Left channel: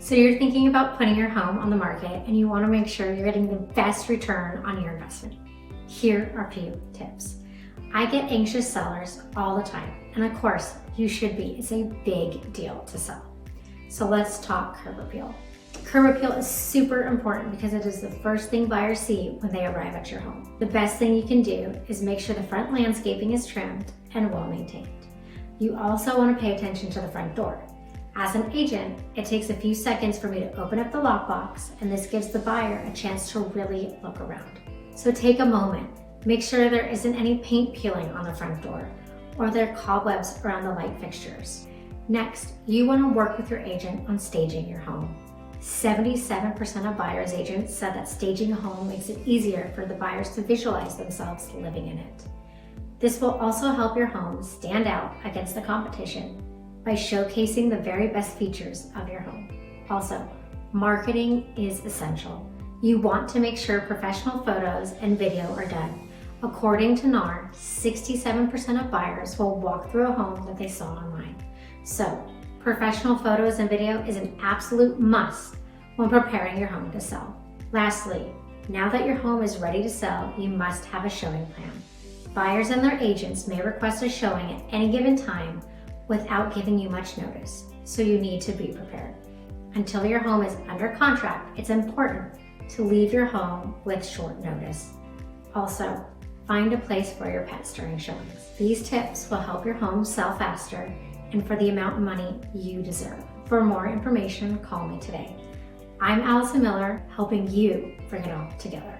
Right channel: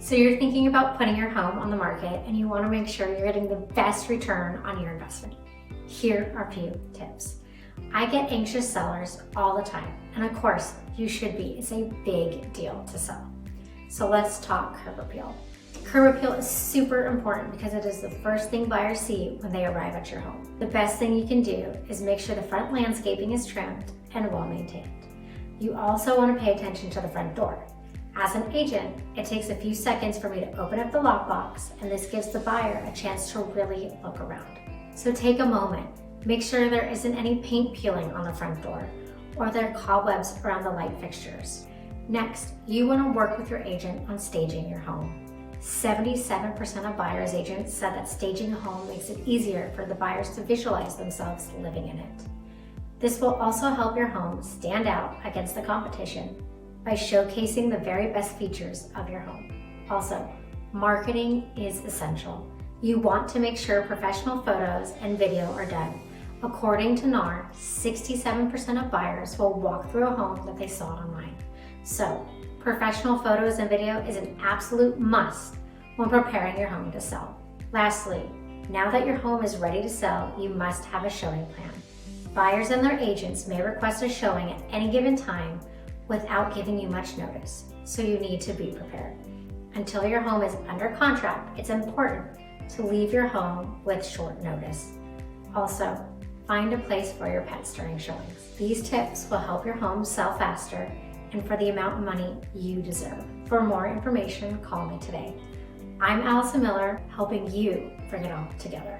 So you're thinking about putting your home on the market and you want to make sure you're getting the best return on your investment. Here are a few tips. I get anxious sellers all the time, and of course you should be. It's a big deal to sell. So let's talk curb appeal. Curb appeal is super important because it is the first thing buyers see when they arrive at your home. The best thing you can do is make sure the front landscaping is trimmed and well maintained. You also want to pay attention to the front door. As an agent, it takes a few seconds for me to open up the lockbox, and this gives the buyer a chance to really look around. So take a moment, make sure there isn't any paint peeling on the front door or there are cobwebs around the light fixtures. Next, you want to work with your agent on staging your home. 77% of buyer's agents said that staging a home makes it easier for the buyers to visualize themselves living in it. This will also help your home stand out against the competition by showcasing the very best features of your home. Also, marketing is essential. You want to make sure professional photos and video are done. According to NAR, 67% of buyers will walk through a home that they saw online. So, professional photos and video is an absolute must when preparing your home to sell. Lastly, now that your home is ready to sell, you must have a showing plan. Buyers and their agents may request a showing at any given time without giving you much notice, so you need to be prepared. Until your home is under contract, it's important to leave your home with short notice. Also, find a place for your pets during showings. These tips will help your home sell faster and for the amount of money you deserve. For more information, call me today. I'm Allison Miller, helping you bring it all together.